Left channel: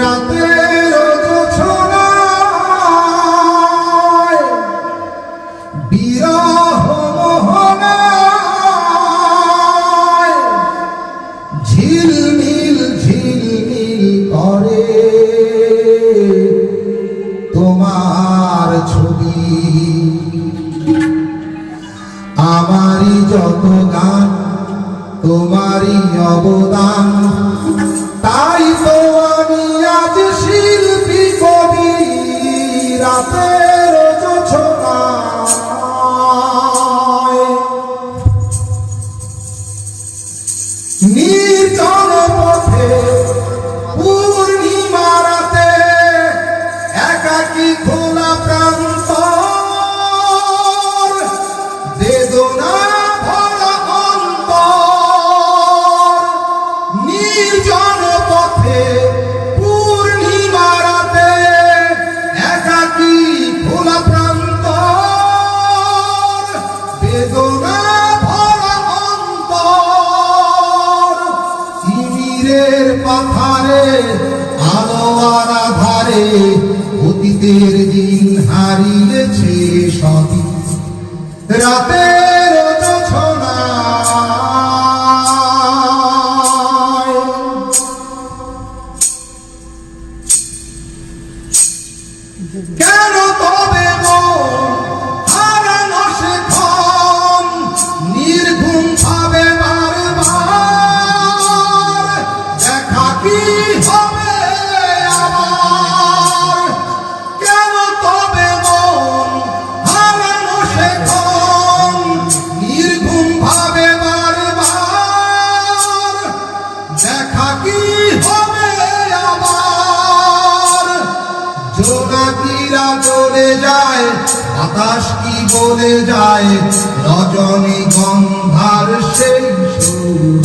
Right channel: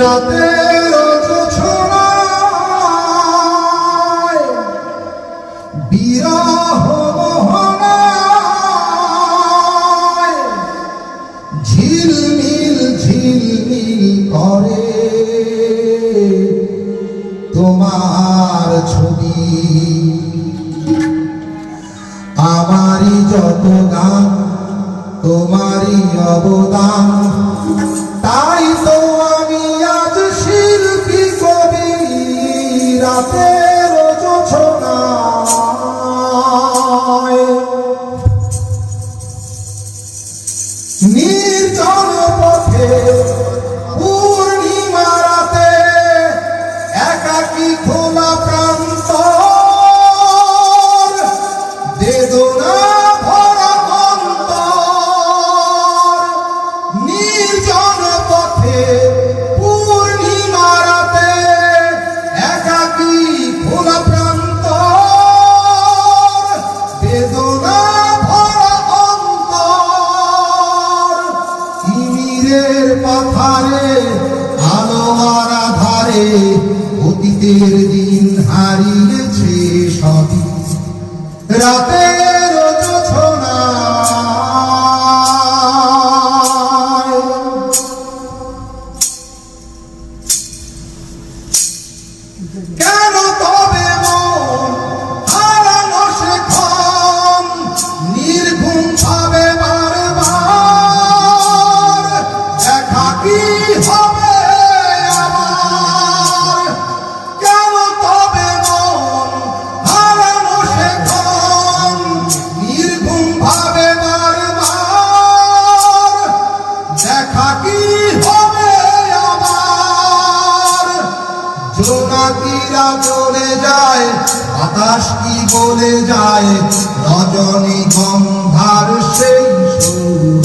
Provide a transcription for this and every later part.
রাতের জোছনায় বিরহ মোহনায় ঝিলমিল ঝিলমিল করে তোমার ছবি। আমারই যত গান তোমারই অবদান, তাই তো আমি আজ শিল্পী কবি। রাতের জোছনায় নির্জন পথে পূর্ণিমা রাতে একাকী খোলা প্রান্তর, বেদনা ভরা অন্তর। নির্জন পথে পূর্ণিমা রাতে একাকী খোলা প্রান্তর, বেদনা ভরা অন্তর। তিমিরের পাথারে আলো আর আধারে অতীতের দিন হারিয়েছে সবই। রাতের জোছনায় কেন তবে হারানো সেক্ষণ নির্ঘুম ভাবে বারবার? দেখা কি হবে আবার? কেন তবে হারানো সেক্ষণ নির্ঘুম ভাবে বারবার? দেখা কি হবে আবার? জোনাকিরা চলে যায়, বাতাস কি বলে যায়, রজনী গন্ধার সেই সুর।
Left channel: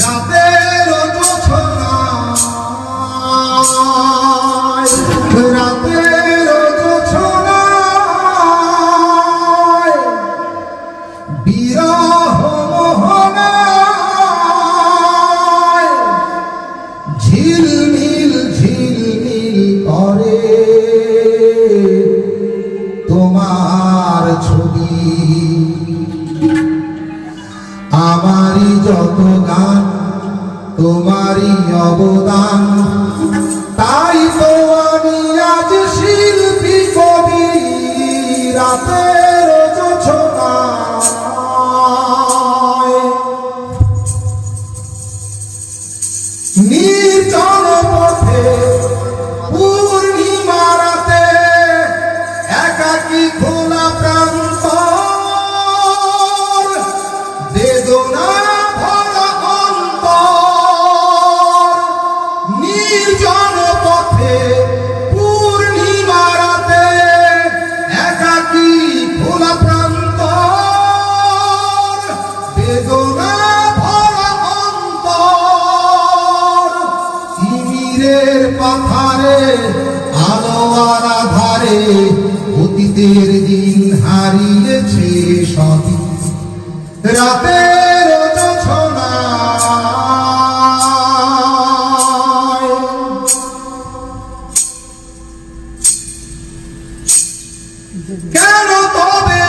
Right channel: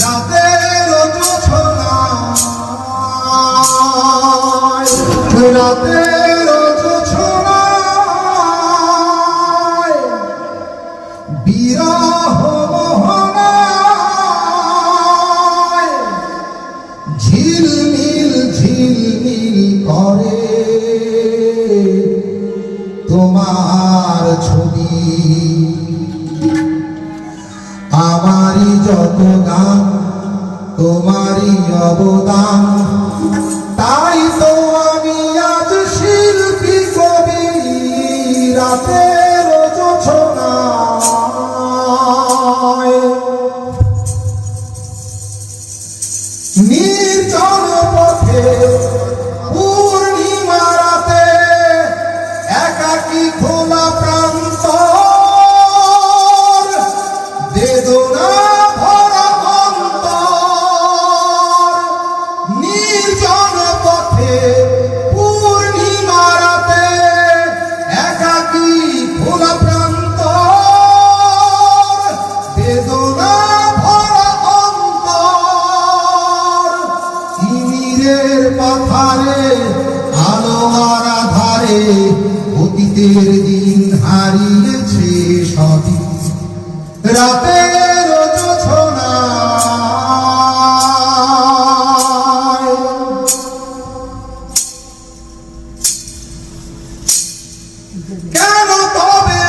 রাতের জোছনায় রাতের জোছনায় বিরহ মোহনায় ঝিলমিল ঝিলমিল করে তোমার ছবি। আমারই যত গান তোমারই অবদান, তাই তো আমি আজ শিল্পী কবি। রাতের জোছনায় নির্জন পথে পূর্ণিমা রাতে একাকী খোলা প্রান্তর, বেদনা ভরা অন্তর। নির্জন পথে পূর্ণিমা রাতে একাকী খোলা প্রান্তর, বেদনা ভরা অন্তর। তিমিরের পাথারে আলো আর আধারে অতীতের দিন হারিয়েছে সবই। রাতের জোছনায় কেন তবে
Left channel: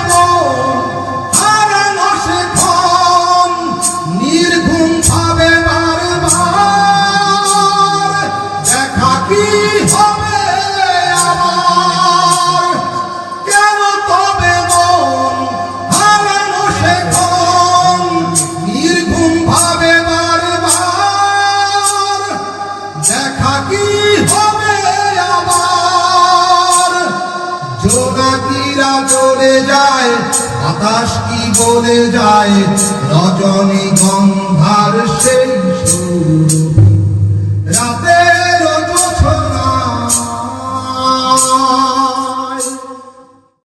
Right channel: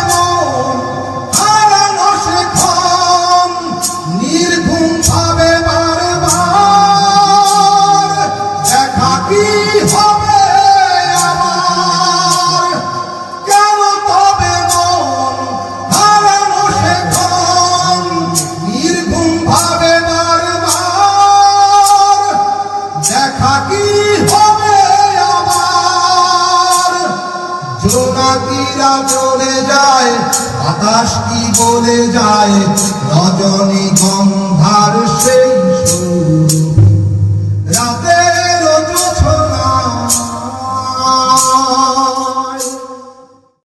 হারানো সেক্ষণ নির্ঘুম ভাবে বারবার? দেখা কি হবে আবার? কেন তবে হারানো সেক্ষণ নির্ঘুম ভাবে বারবার? দেখা কি হবে আবার? জোনাকিরা চলে যায়, বাতাস কি বলে যায়, রজনী গন্ধ